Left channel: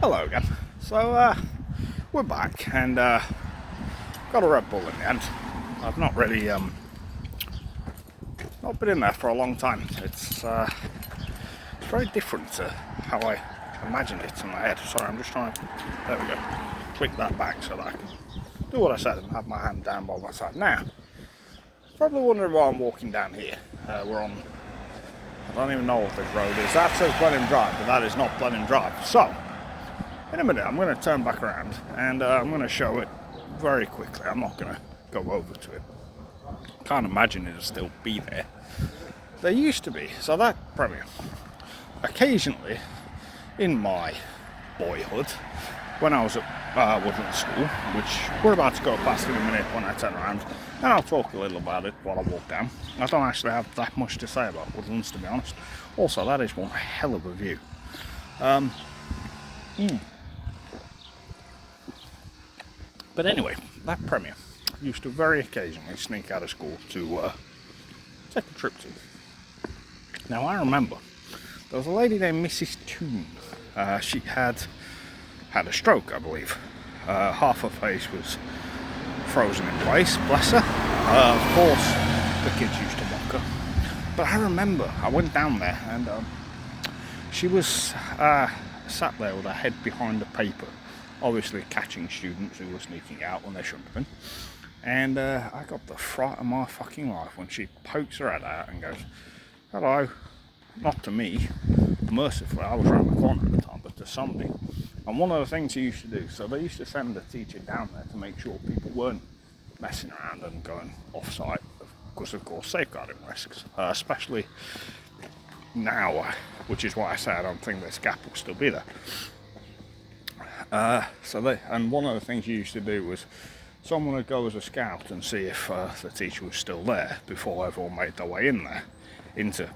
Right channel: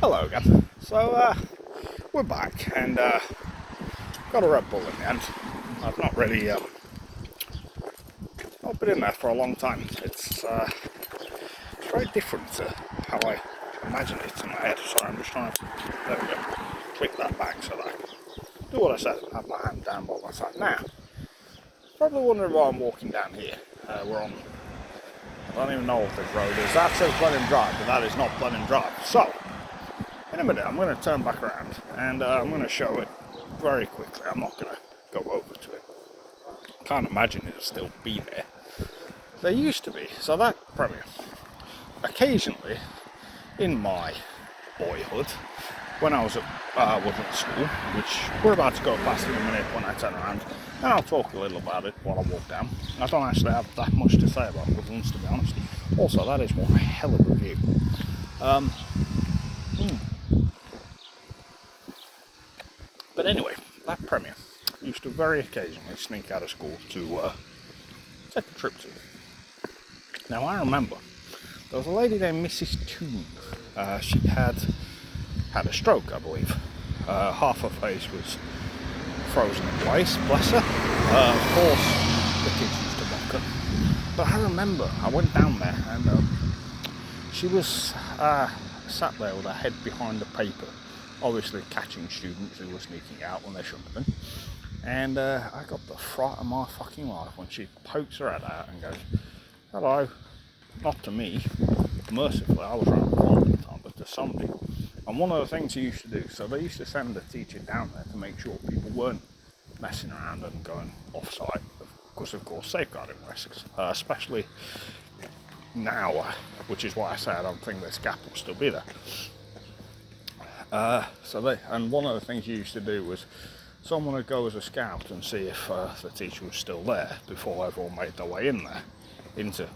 Hello again. So we're back and got a Red Bull in the end. I've not really not been in there for a long time. It's very different to how I imagine it in my head. Sorry, I'm just trying to there we go. Click that back so that I can do what I said and have my hand down by my side. Now, probably wondering why I'm walking down here. We're on, I don't even know what the road is. That says Blenheim Drive, but that is not Blenheim Drive. So, in a minute I'm going to turn back around and I'm going to show it very quickly. I'm not going to go over to it. Can't imagine it'll still be there. There used to be, so that Premier, occasionally in my boyhood, when I was at Woodland School, which we're about to go past in a minute when I turn around, and I'll talk a little about it while I walk down. I don't actually have that much to say about Woodlands, to be honest. Also, that is one hell of a view. But anyway, that Premier used to very occasionally sneak out of school to take a trip to. Now I remember there was a lady named Mrs. Toon. She had a stroke, I believe. Half her face was frozen in place, bless her. Of course, the kids used to mock her. But I remember I went down there and she was sat there with her head behind the paper, obviously catching students who were sneaking out when they shouldn't have been. And I got the fright of my fucking life when she pokes her head out and goes, "Hello," not to me, mercifully, I was around the corner at the time, but to somebody. And one of the things she used to do, so they used to send a teacher down there to make sure people weren't messing around and going off-site, because of course safeguarding risks, especially now, which is why I say I don't think this gap will still be there. And one of the things you used to do was someone would go as a scout and see if the teacher was still there before everyone made their way in there, into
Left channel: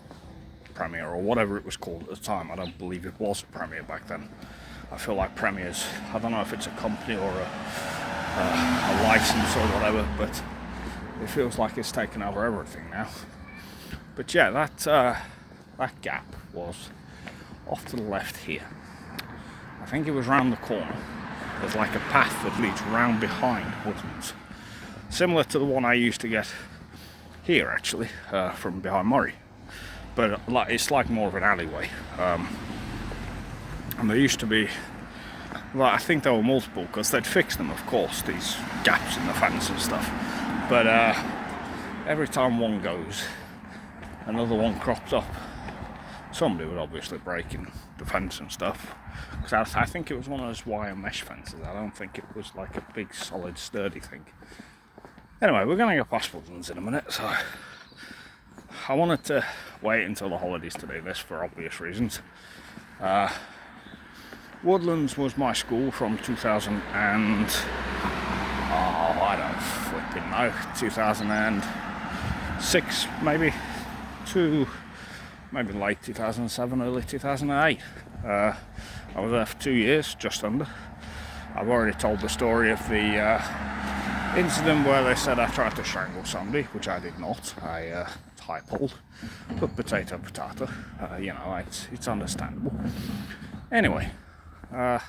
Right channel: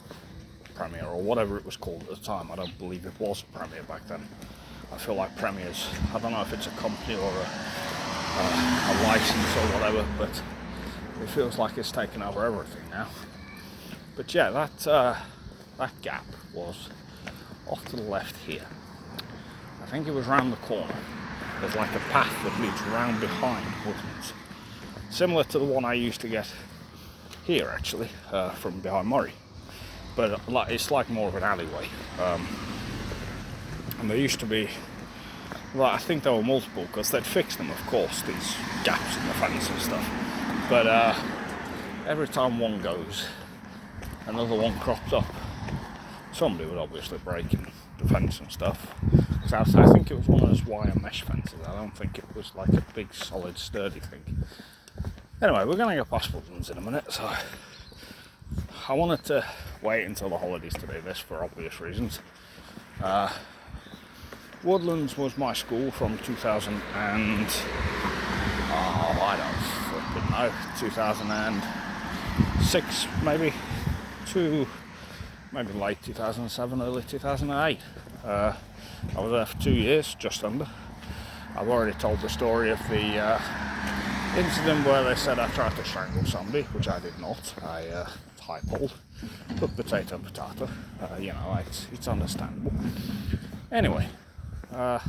Premier or whatever it was called at the time. I don't believe it was Premier back then. I feel like Premier's, I don't know if it's a company or a license or whatever, but it feels like it's taken over everything now. But yeah, that gap was off to the left here. I think it was round the corner. There's like a path that leads round behind Woodlands, similar to the one I used to get here actually, from behind Murray, but it's like more of an alleyway. And there used to be, well, I think there were multiple, because they'd fixed them, of course, these gaps in the fence and stuff, but every time one goes, another one crops up. Somebody would obviously break in the fence and stuff. So I think it was one of those wire mesh fences. I don't think it was like a big, solid, sturdy thing. Anyway, we're going to go past Woodlands in a minute, so I wanted to wait until the holidays to do this for obvious reasons. Woodlands was my school from 2000 and I don't flipping know, 2006 maybe to maybe late 2007, early 2008. I was there for 2 years, just under. I've already told the story of the incident where they said I tried to strangle somebody, which I did not. I typed, put potato. It's understandable. Anyway, good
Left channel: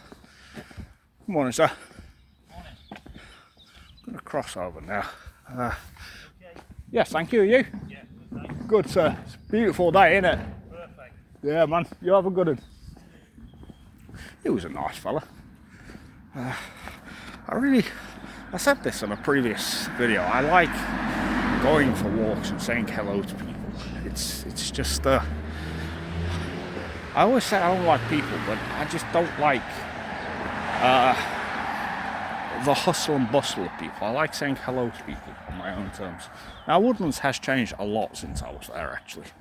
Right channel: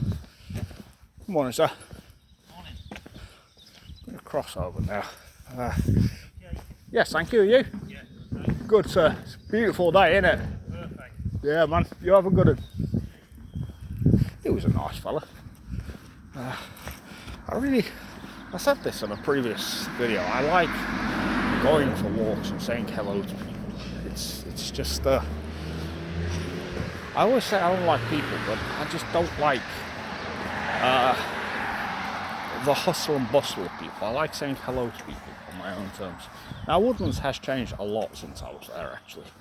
morning, sir. Morning. I'm going to cross over now. Okay. Yes, thank you. You? Yeah, thanks. Good, sir. It's a beautiful day, isn't it? Perfect. Yeah, man. You have a good one. He was a nice fella. I said this in a previous video. I like going for walks and saying hello to people. It's just I always say I don't like people, but I just don't like the hustle and bustle of people. I like saying hello to people on my own terms. Now, Woodlands has changed a lot since I was there, actually.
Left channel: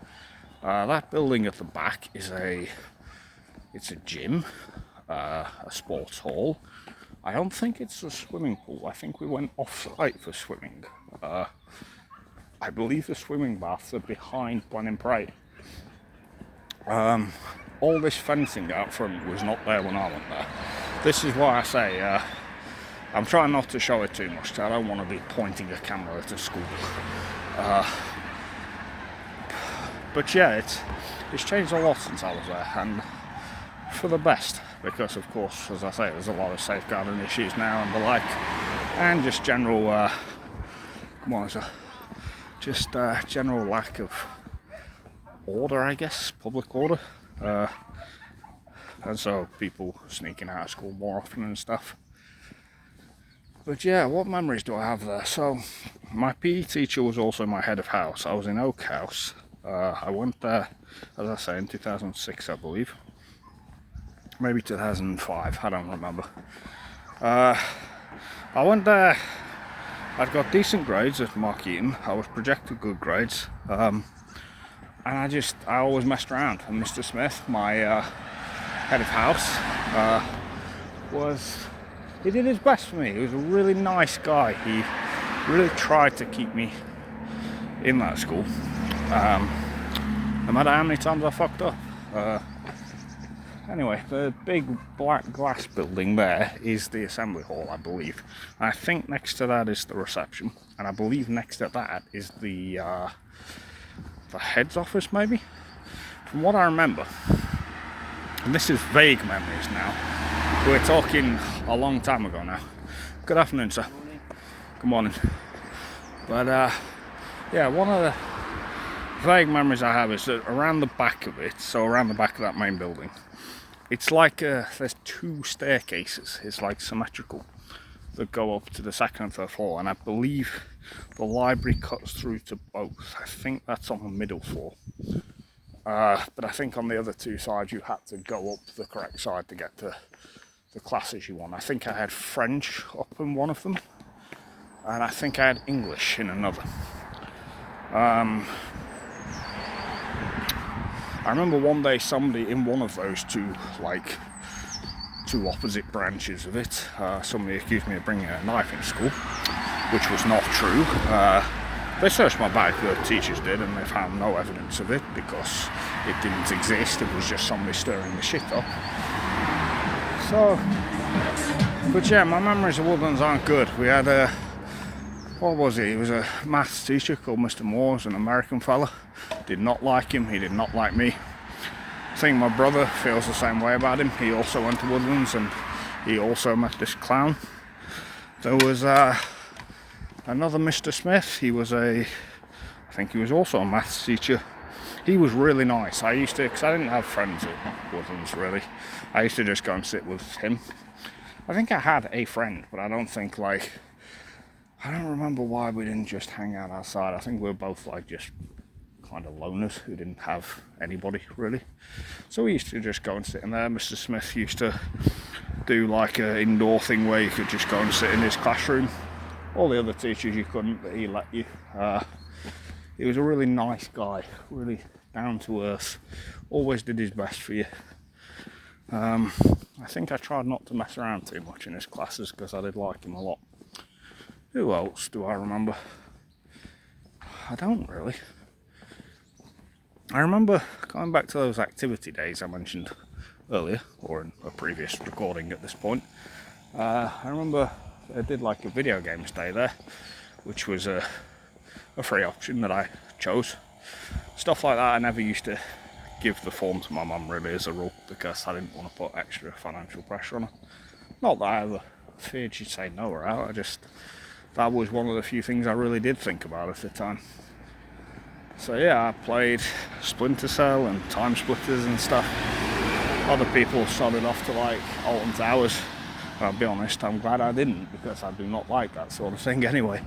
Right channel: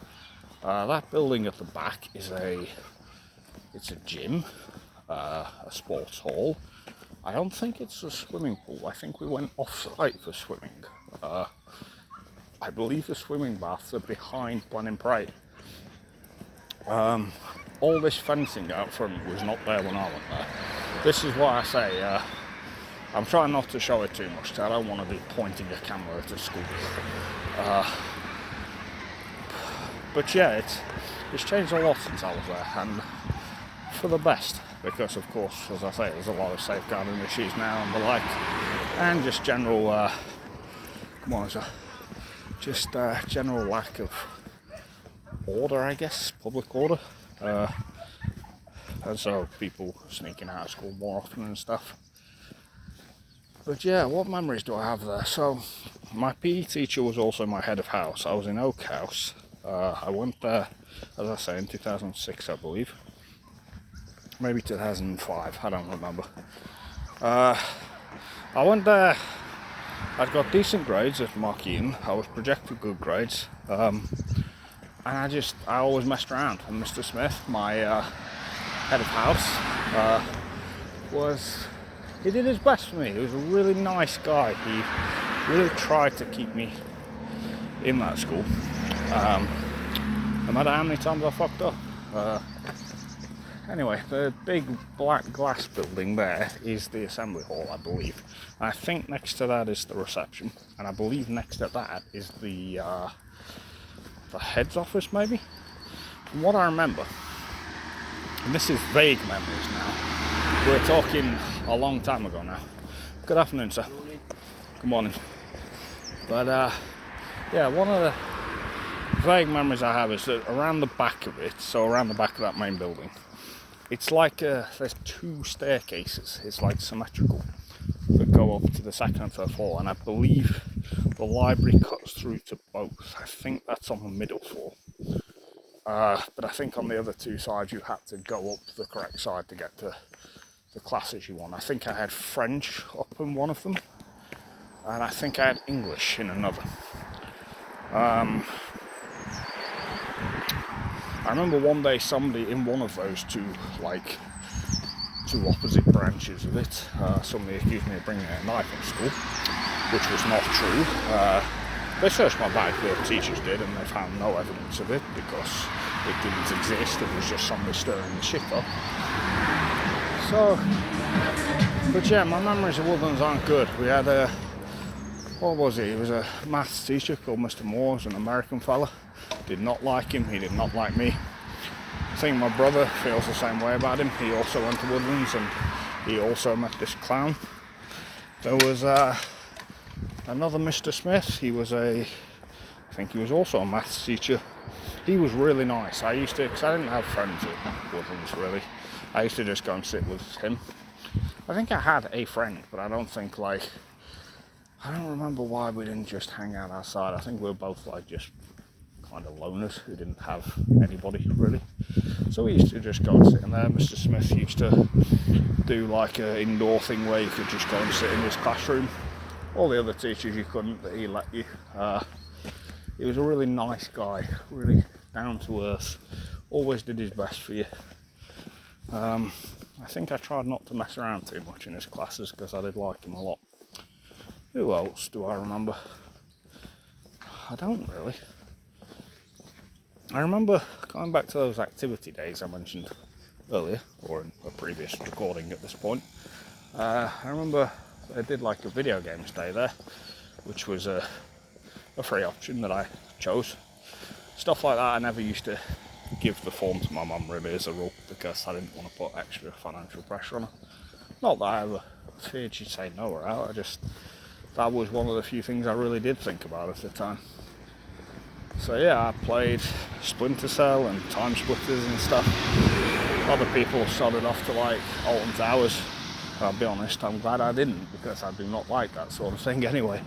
That building at the back is it's a gym, a sports hall. I don't think it's a swimming pool. I think we went off-site for swimming. I believe the swimming baths are behind Blenheim Parade. All this fencing out front was not there when I went there. This is why I say I'm trying not to show it too much, because I don't want to be pointing the camera at a school. But yeah, it's changed a lot since I was there, and for the best. because of course, as I say, there's a lot of safeguarding issues now and the like, and just general general lack of order, I guess, public order, and so people sneaking out of school more often and stuff. But yeah, what memories do I have there? So my PE teacher was also my head of house. I was in Oak House. I went there, as I say, in 2006, I believe, maybe 2005, I don't remember. I went there. I'd got decent grades at Markeaton. I was projected good grades, and I always messed around. And Mr. Smith, my head of house, he did his best for me. He was a really nice guy. He really tried to keep me in that school, no matter how many times I fucked up. Anyway, the big black glass building there is the assembly hall, I believe. I think next to that is the reception, and I believe next to that is the head's office, maybe? From what I remember, and this is vague memories now, we're talking a long time ago now. Good afternoon, sir. Good morning. But yeah, one of the vague memories I have is that around the back of it, so around the back of that main building, it's like there's two staircases, it's like symmetrical, that go up to the second and third floor, and I believe the library cuts through to both. I think that's on the middle floor, but I think on the other two sides you had to go up the correct side to get to the classes you want. I think I had French up in one of them, and I think I had English in another. I remember one day somebody in one of those two opposite branches of it, somebody accused me of bringing a knife in school, which was not true. They searched my bag, the teachers did, and they found no evidence of it because it didn't exist. It was just somebody stirring the shit up. So, but yeah, my memories of Woodlands aren't good. We had what was he? He was a maths teacher called Mr. Moore, an American fella. Did not like him, he did not like me. I think my brother feels the same way about him. He also went to Woodlands and he also met this clown. There was another Mr. Smith. I think he was also a maths teacher. He was really nice. Because I didn't have friends at Woodlands really. I used to just go and sit with him. I think I had a friend, but I don't remember why we didn't just hang out outside. I think we were both just kind of loners who didn't have anybody really. So we used to just go and sit in there. Mr. Smith used to do an indoor thing where you could just go and sit in his classroom. All the other teachers you couldn't, but he let you. He was a really nice guy, really down to earth, always did his best for you. I think I tried not to mess around too much in his classes because I did like him a lot. Who else do I remember? I don't really. I remember going back to those activity days I mentioned earlier, or in a previous recording at this point. I remember I did a video games day there, which was a free option that I chose. Stuff like that I never used to give the form to my mum really as a rule, because I didn't want to put extra financial pressure on her. Not that I ever feared she'd say no or out, that was one of the few things I really did think about at the time. So yeah, I played Splinter Cell and Time Splitters and stuff. Other people have sodded off to Alton Towers. I'll be honest, I'm glad I didn't, because I do not like that sort of thing anyway.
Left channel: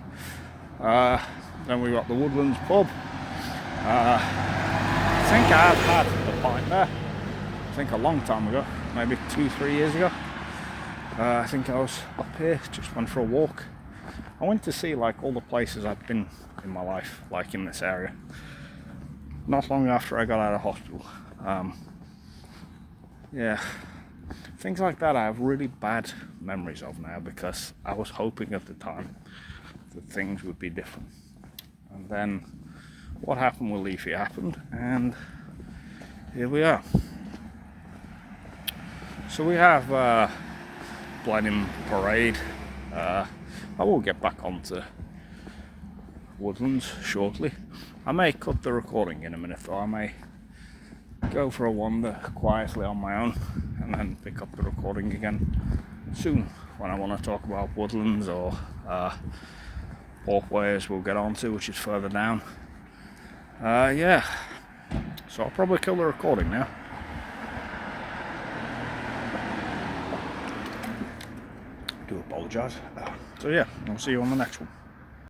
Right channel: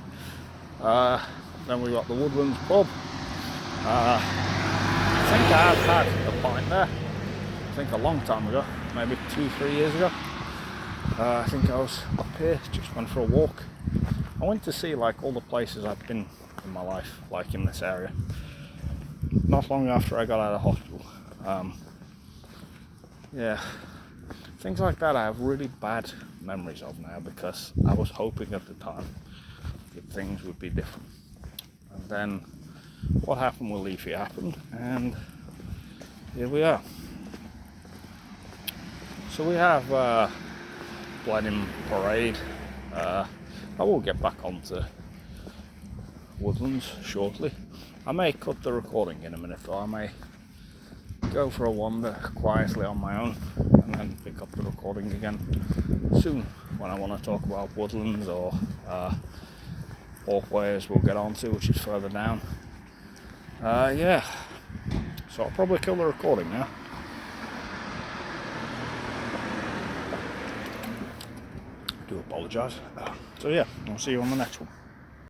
Then we got the Woodlands pub. I think I have had a pint there. I think a long time ago, maybe 2-3 years ago. I think I was up here, just went for a walk. I went to see all the places I've been in my life, in this area. Not long after I got out of hospital. Yeah, things like that I have really bad memories of now, because I was hoping at the time that things would be different. And then what happened with Leafy happened, and here we are. So we have Blenheim Parade. I will get back onto Woodlands shortly. I may cut the recording in a minute, though. I may go for a wander quietly on my own and then pick up the recording again soon when I want to talk about woodlands or walkways we'll get on to, which is further down. Yeah, so I'll probably kill the recording now. Do apologise. So yeah, I'll see you on the next one.